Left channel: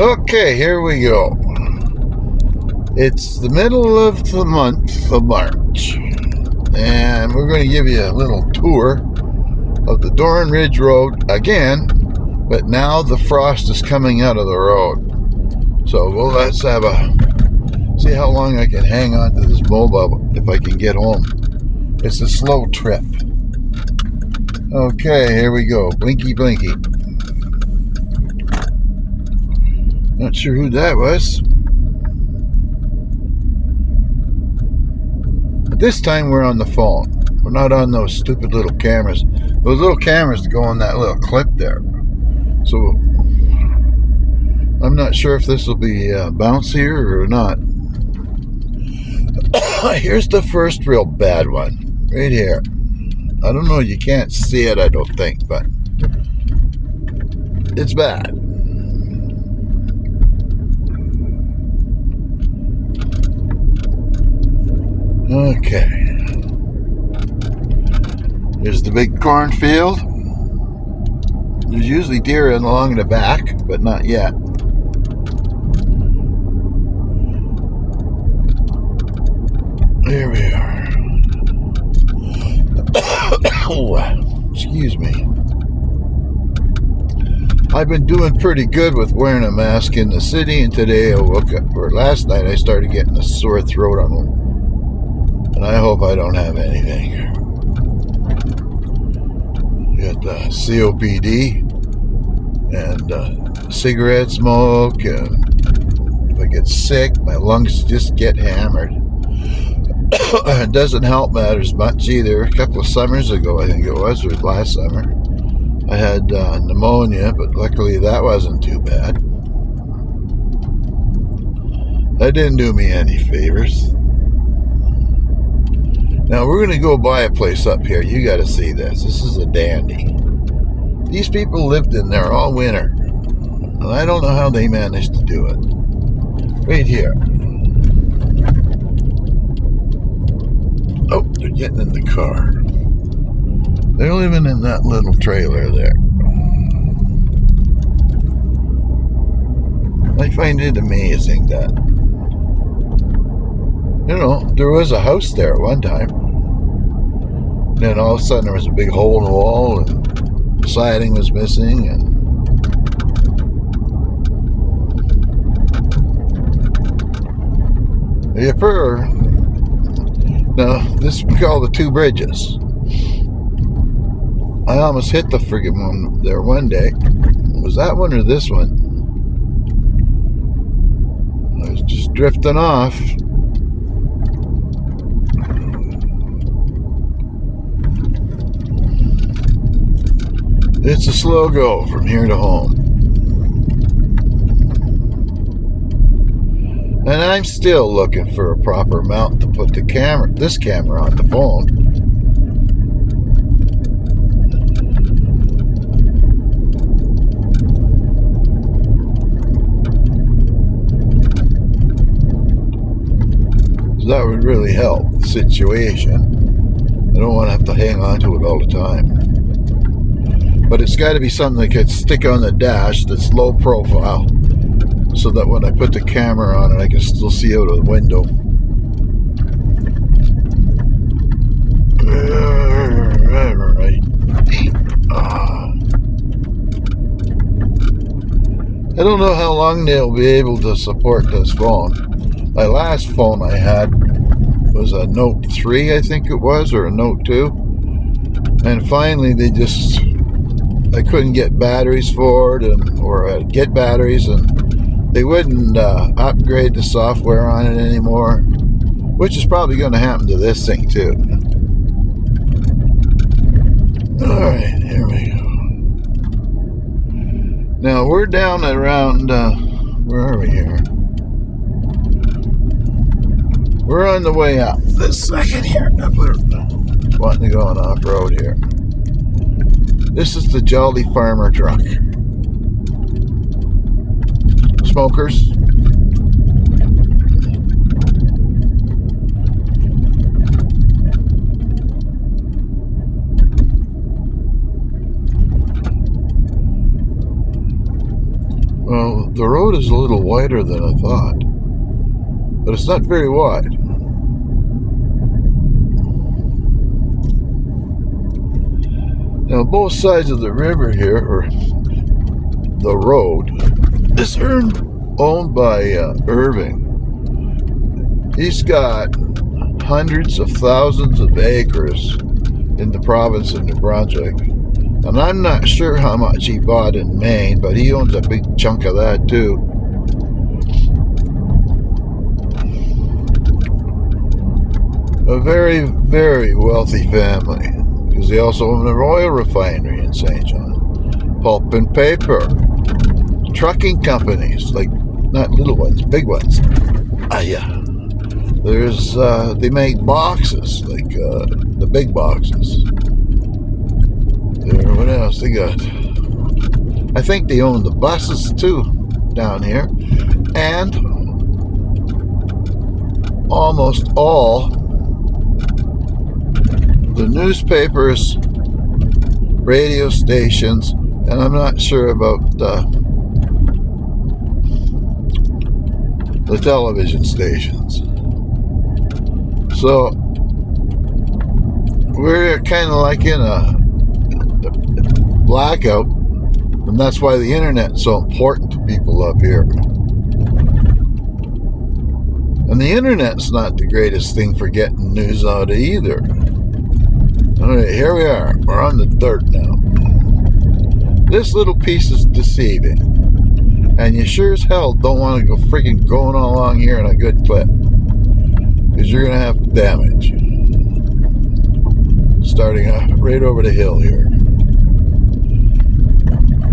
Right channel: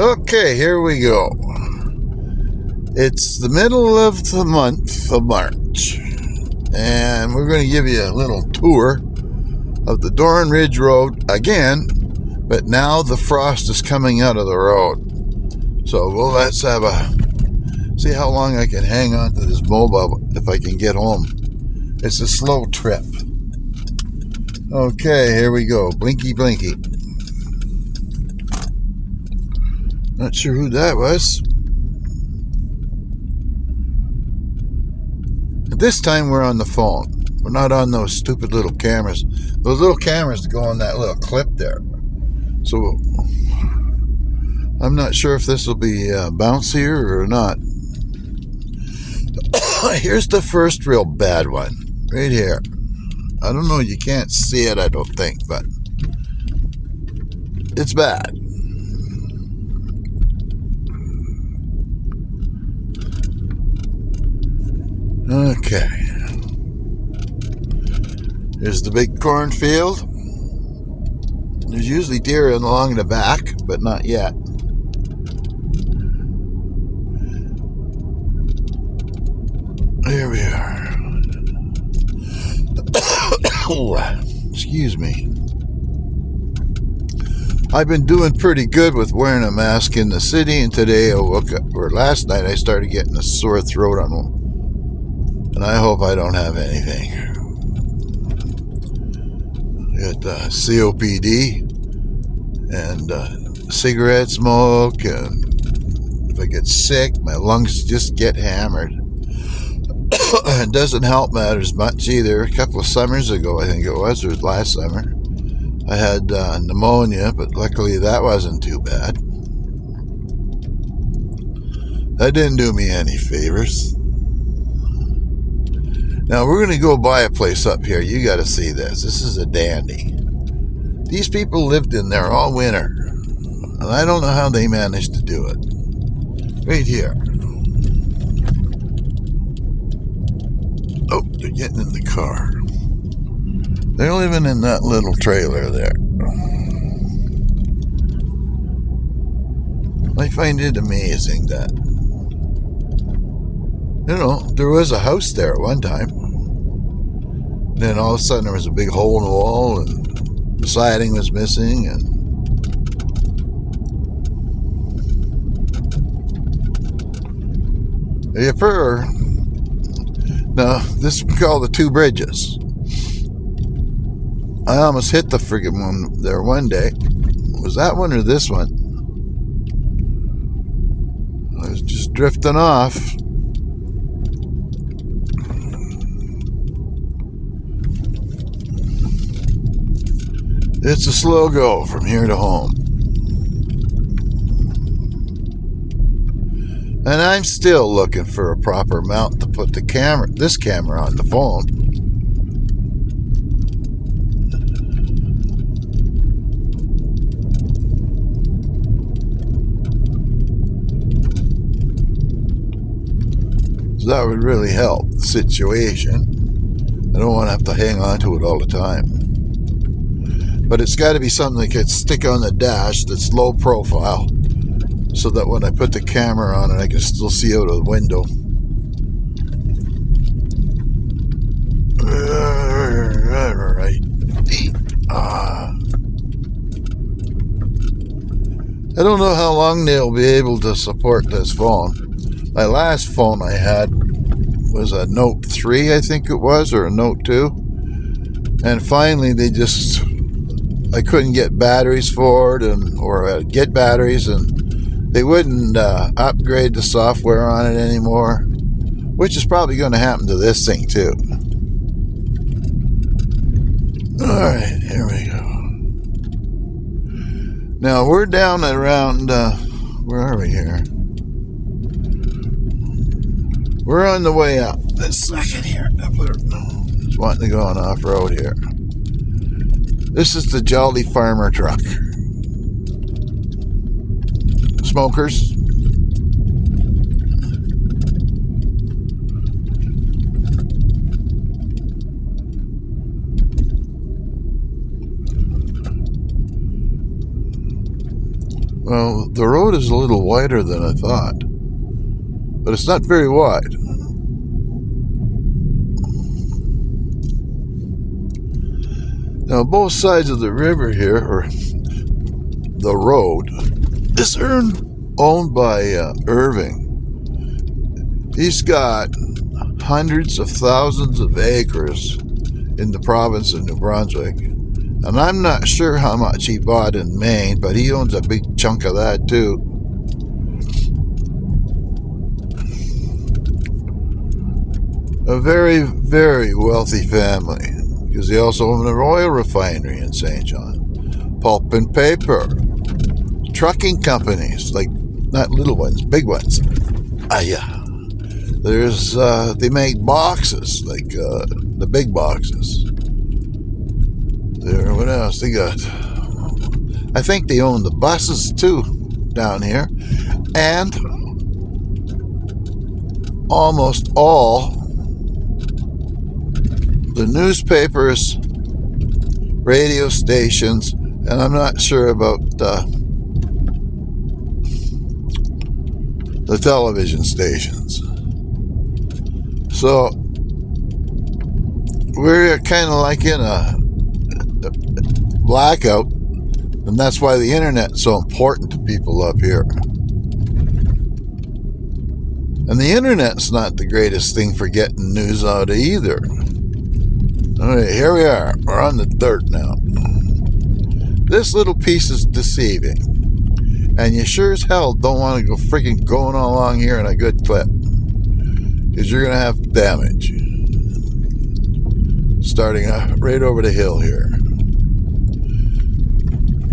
Okay, here we go. It's the middle of the month of March, and we're going to give you a little tour of the Dorn Ridge Road again, but now the frost is coming out of the road. So let's have see how long I can hang on to this mobile if I can get home. It's a slow trip. Okay, here we go. Blinky, blinky. Not sure who that was. But this time we're on the phone. We're not on those stupid little cameras. Those little cameras that go on that little clip there. So I'm not sure if this will be bouncier or not. Here's the first real bad one. Right here. I don't know. You can't see it, I don't think, but it's bad. Okay. There's the big cornfield. There's usually deer along the back, but not yet. Here we are. Excuse me. I've been doing pretty good with wearing a mask in the city, and today last night I started getting a sore throat on one. And I hope I don't have anything. Got COPD and cigarette smoke, and if I get sick, my lungs just get hammered. It doesn't help matters much either. A couple of summers ago, I think it was last summer, I had pneumonia, but luckily that wasn't too bad. That didn't do me any favors. Now we're going to go buy a place up here. You got to see this. This is a dandy. These people lived in there all winter, and I don't know how they managed to do it. Right here. Oh, they're getting in the car. They're living in that little trailer there. I find it amazing that, there was a house there at one time. Then all of a sudden there was a big hole in the wall and the siding was missing, and now this we call the two bridges. I almost hit the friggin' one there one day. Was that one or this one? I was just drifting off. It's a slow go from here to home. And I'm still looking for a proper mount to put this camera on the phone. So that would really help the situation. I don't want to have to hang on to it all the time. But it's got to be something that can stick on the dash that's low profile, so that when I put the camera on it, I can still see out of the window. Right. I don't know how long they'll be able to support this phone. My last phone I had was a Note 3, I think it was, or a Note 2. And finally I couldn't get batteries for it, or get batteries, and they wouldn't upgrade the software on it anymore, which is probably going to happen to this thing too. Alright, here we go. Now we're down around, where are we here? We're on the way out. This second here. Just wanting to go on off-road here. This is the Jolly Farmer truck. Smokers. Well, The road is a little wider than I thought, but it's not very wide. Now, both sides of the river here, or the road, is owned by Irving. He's got hundreds of thousands of acres in the province of New Brunswick. And I'm not sure how much he bought in Maine, but he owns a big chunk of that too. A very, very wealthy family, because they also own an oil refinery in St. John. Pulp and paper. Trucking companies, like not little ones, big ones. Yeah. There's, they make boxes, like the big boxes. There, what else they got? I think they own the buses too down here. And almost all the newspapers, radio stations, and I'm not sure about the television stations. So we're kind of like in a blackout, and that's why the internet's so important to people up here. And the internet's not the greatest thing for getting news out of either. Alright, here we are. We're on the dirt now. This little piece is deceiving. And you sure as hell don't want to go freaking going along here in a good clip, because you're going to have damage. Starting right over the hill here.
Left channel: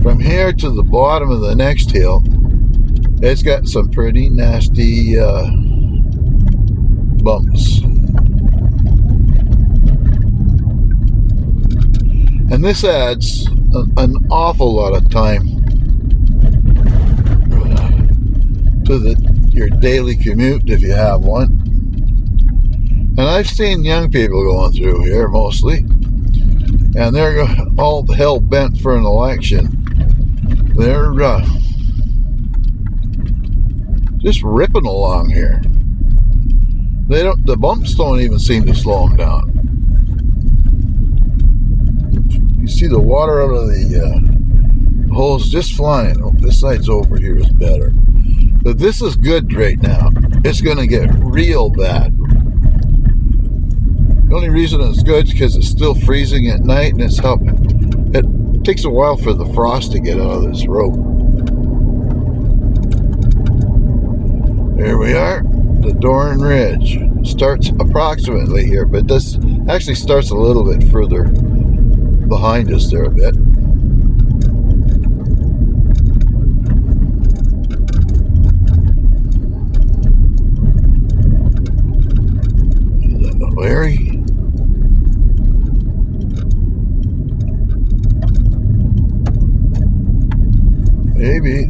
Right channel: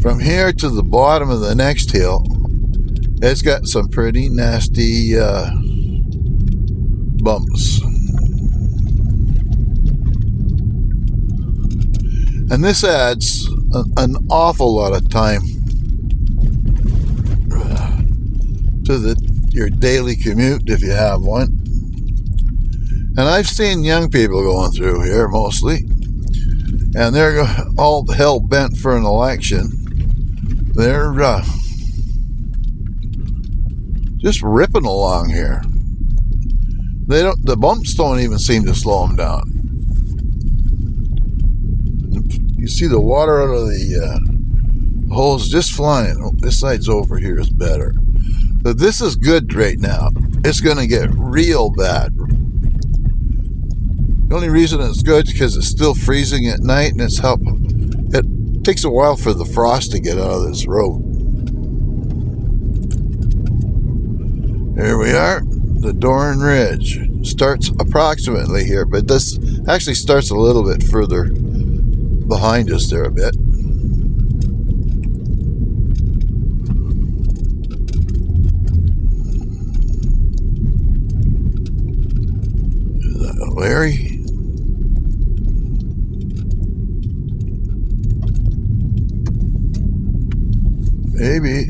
From here to the bottom of the next hill, it's got some pretty nasty bumps. And this adds an awful lot of time to your daily commute, if you have one. And I've seen young people going through here mostly, and they're all hell bent for an election. They're just ripping along here. The bumps don't even seem to slow them down. You see the water out of the holes just flying. Oh, this side's over here is better. But this is good right now. It's going to get real bad. The only reason it's good is because it's still freezing at night, and it takes a while for the frost to get out of this road. Here we are. The Dorn Ridge starts approximately here, but this actually starts a little bit further behind us there a bit. Larry. Maybe.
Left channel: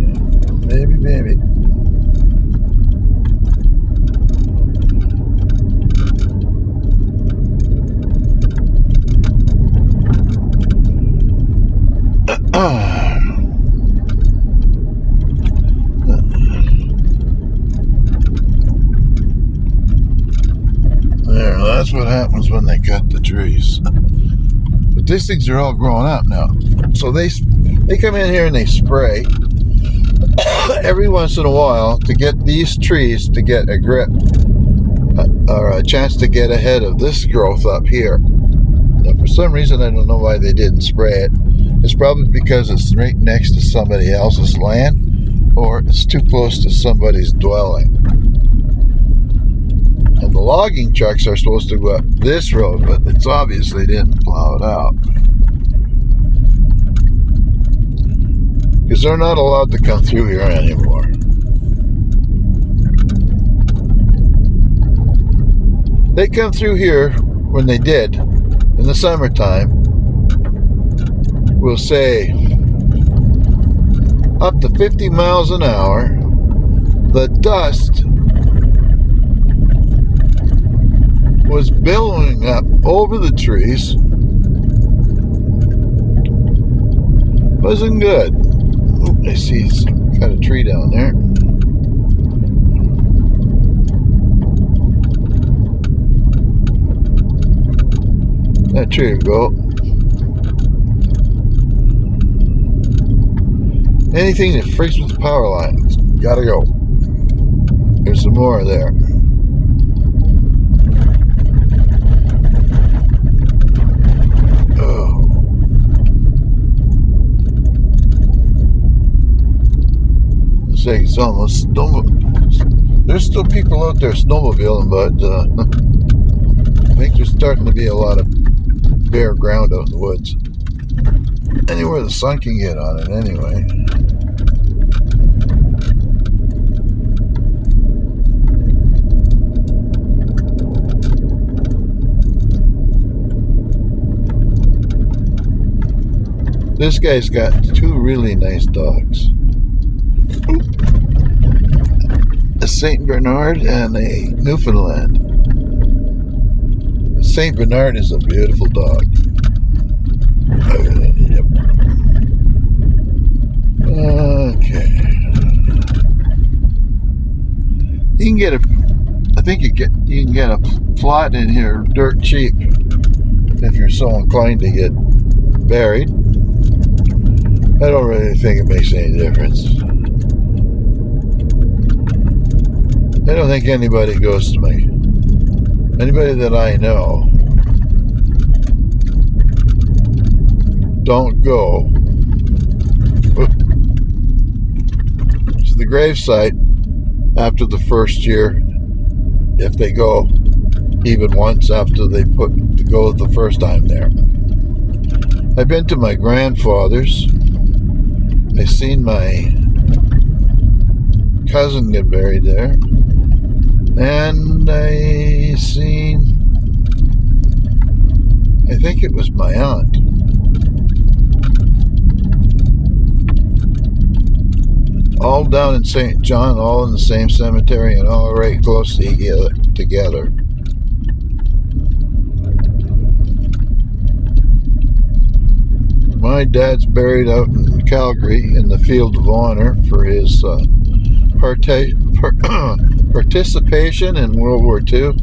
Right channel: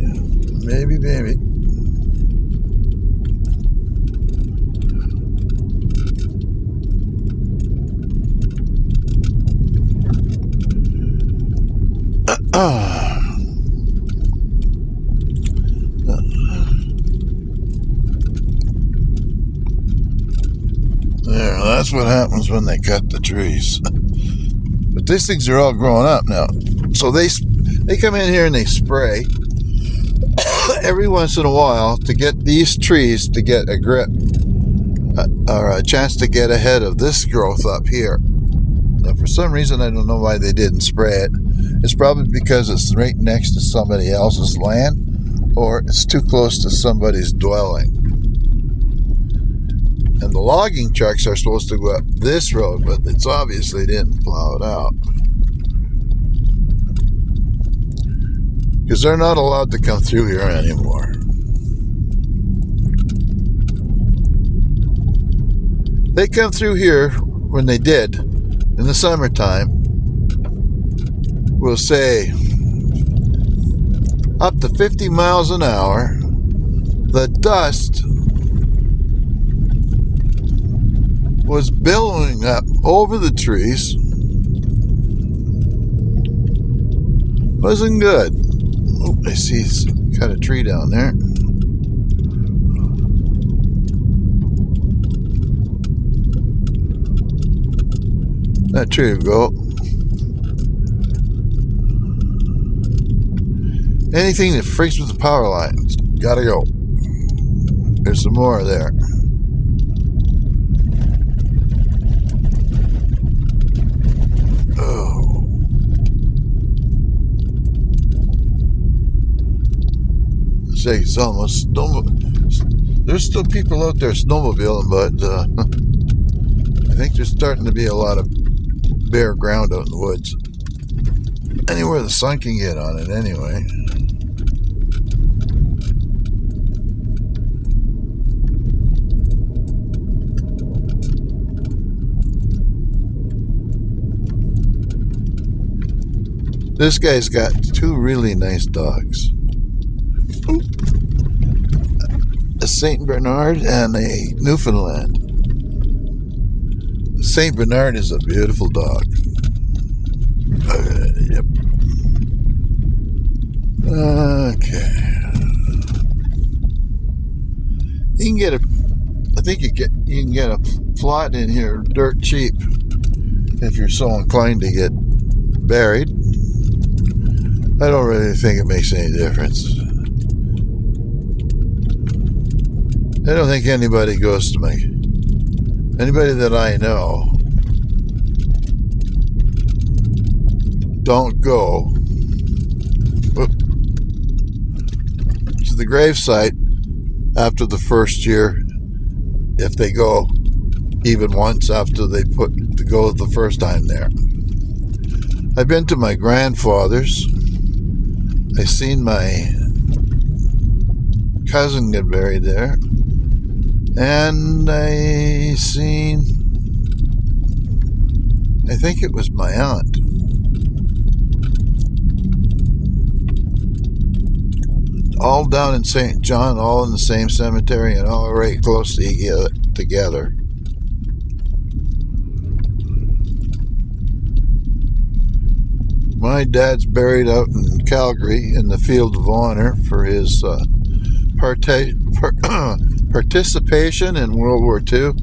There, that's what happens when they cut the trees. But these things are all growing up now. So they come in here and they spray every once in a while to get these trees to get a grip or a chance to get ahead of this growth up here. Now, for some reason, I don't know why they didn't spray it. It's probably because it's right next to somebody else's land, or it's too close to somebody's dwelling. And the logging trucks are supposed to go up this road, but it's obviously didn't plow it out. Because they're not allowed to come through here anymore. They come through here when they did in the summertime, we'll say up to 50 miles an hour. The dust was billowing up over the trees. Wasn't good. I see some cut a tree down there. That tree will go. Anything that freaks with the power lines, gotta go. There's some more there. Oh. It's like it's almost there's still people out there snowmobiling, but I think there's starting to be a lot of bare ground out in the woods. Anywhere the sun can get on it, anyway. This guy's got two really nice dogs. A St. Bernard and a Newfoundland. The St. Bernard is a beautiful dog. Yep. Okay. You can get I think you can get a plot in here dirt cheap if you're so inclined to get buried. I don't really think it makes any difference. I don't think anybody goes to me. Anybody that I know, don't go to the gravesite after the first year, if they go even once after they go the first time there. I've been to my grandfather's. I seen my cousin get buried there, and I think it was my aunt. All down in St. John, all in the same cemetery, and all right close together. My dad's buried out in Calgary in the Field of Honor for his participation in World War II.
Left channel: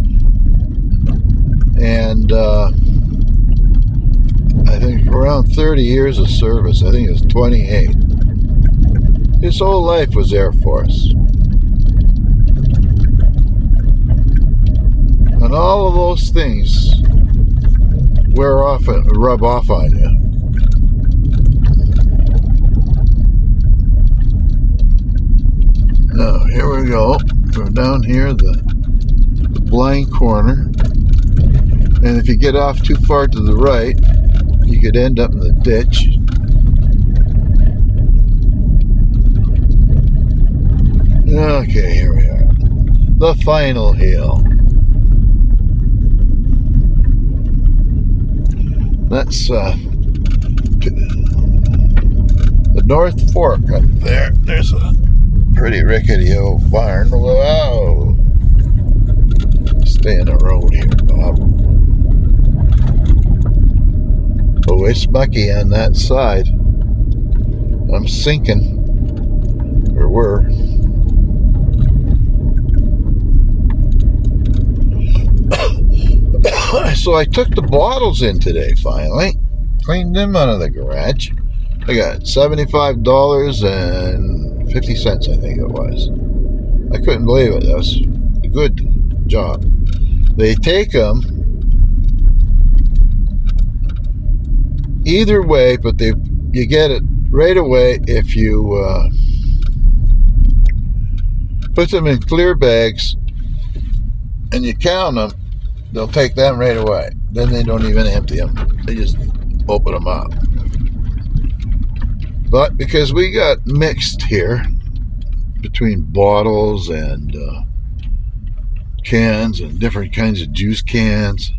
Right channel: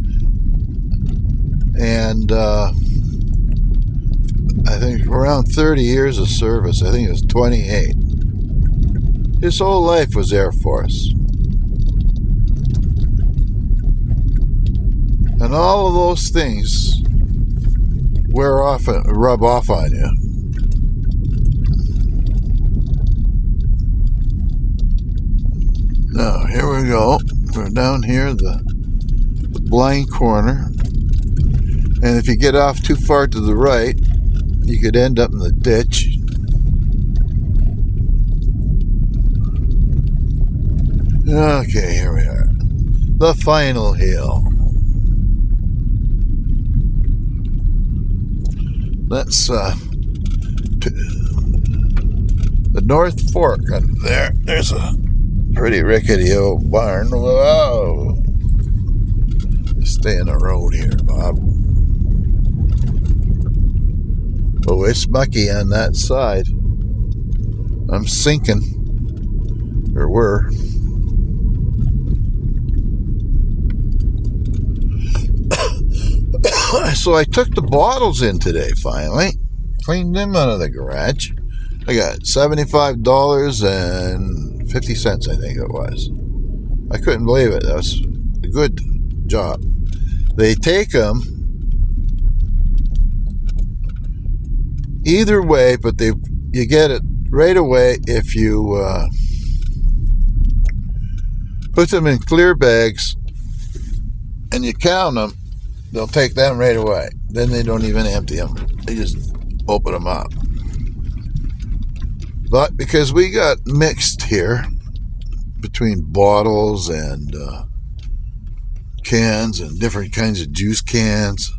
And I think around 30 years of service. I think it was 28. His whole life was Air Force. And all of those things rub off on you. Now, here we go. We're down here, the blind corner. And if you get off too far to the right, you could end up in the ditch. Okay, here we are. The final hill. That's the North Fork up there. There's a pretty rickety old barn. Whoa! Stay in the road here, Bob. Oh, it's mucky on that side. I'm sinking. Or were. So I took the bottles in today, finally. Cleaned them out of the garage. I got $75.50, I think it was. I couldn't believe it. That was a good job. They take them either way, but you get it right away if you put them in clear bags and you count them. They'll take them right away. Then they don't even empty them. They just open them up. But because we got mixed here between bottles and cans and different kinds of juice cans,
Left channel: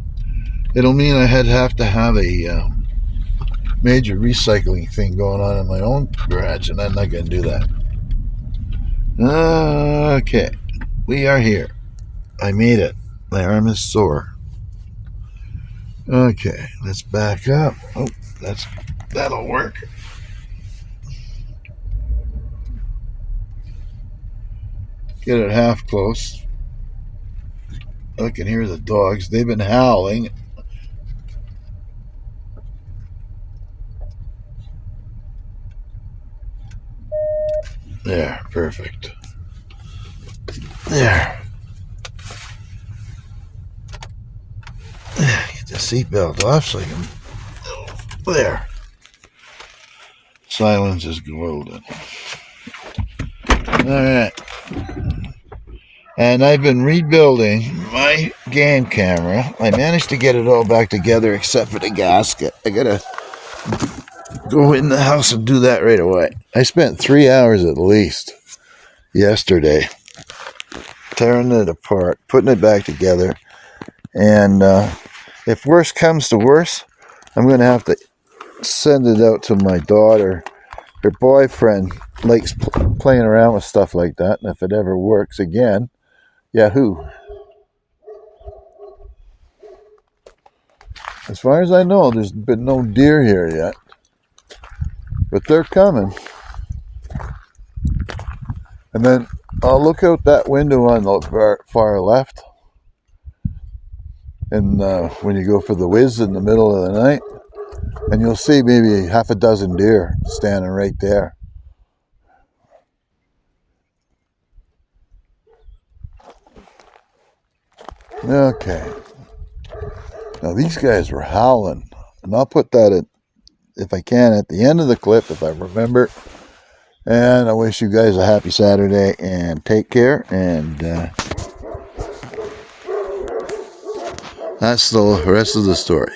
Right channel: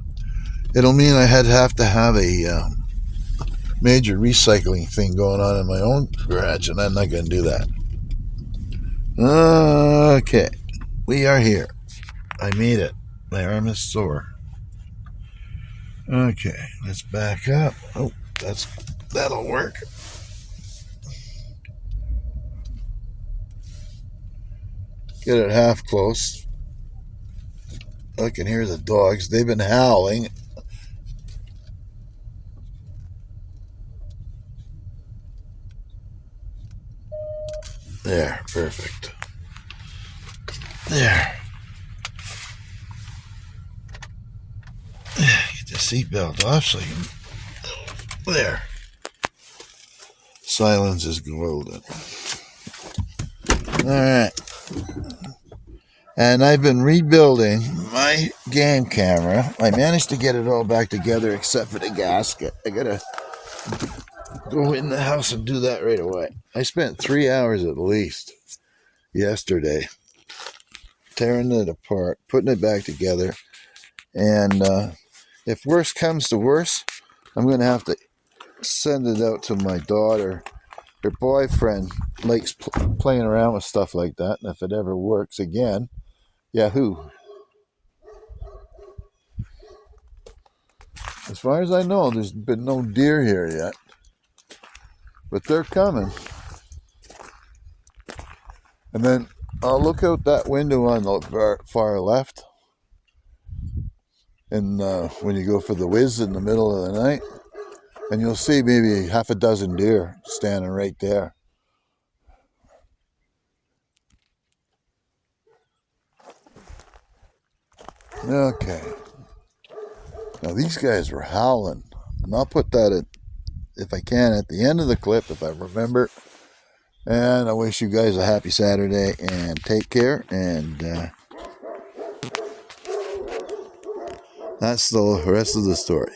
it'll mean I have to have a major recycling thing going on in my own garage, and I'm not going to do that. Okay, we are here. I made it. My arm is sore. Okay, let's back up. Oh, that'll work. get it half close. I can hear the dogs. They've been howling. There, perfect. There. Get the seatbelt off so you can. There. Silence is golden. Alright. And I've been rebuilding my game camera. I managed to get it all back together except for the gasket. I gotta go in the house and do that right away. I spent 3 hours at least yesterday tearing it apart, putting it back together. And if worse comes to worse, I'm going to have to send it out to my daughter. Her boyfriend likes playing around with stuff like that. And if it ever works again, yahoo. As far as I know, there's been no deer here yet. But they're coming. And then I'll look out that window on the far left. And when you go for the whiz in the middle of the night, and you'll see maybe half a dozen deer standing right there. Okay. Now these guys were howling. And I'll put that if I can at the end of the clip, if I remember. And I wish you guys a happy Saturday and take care. And that's the rest of the story.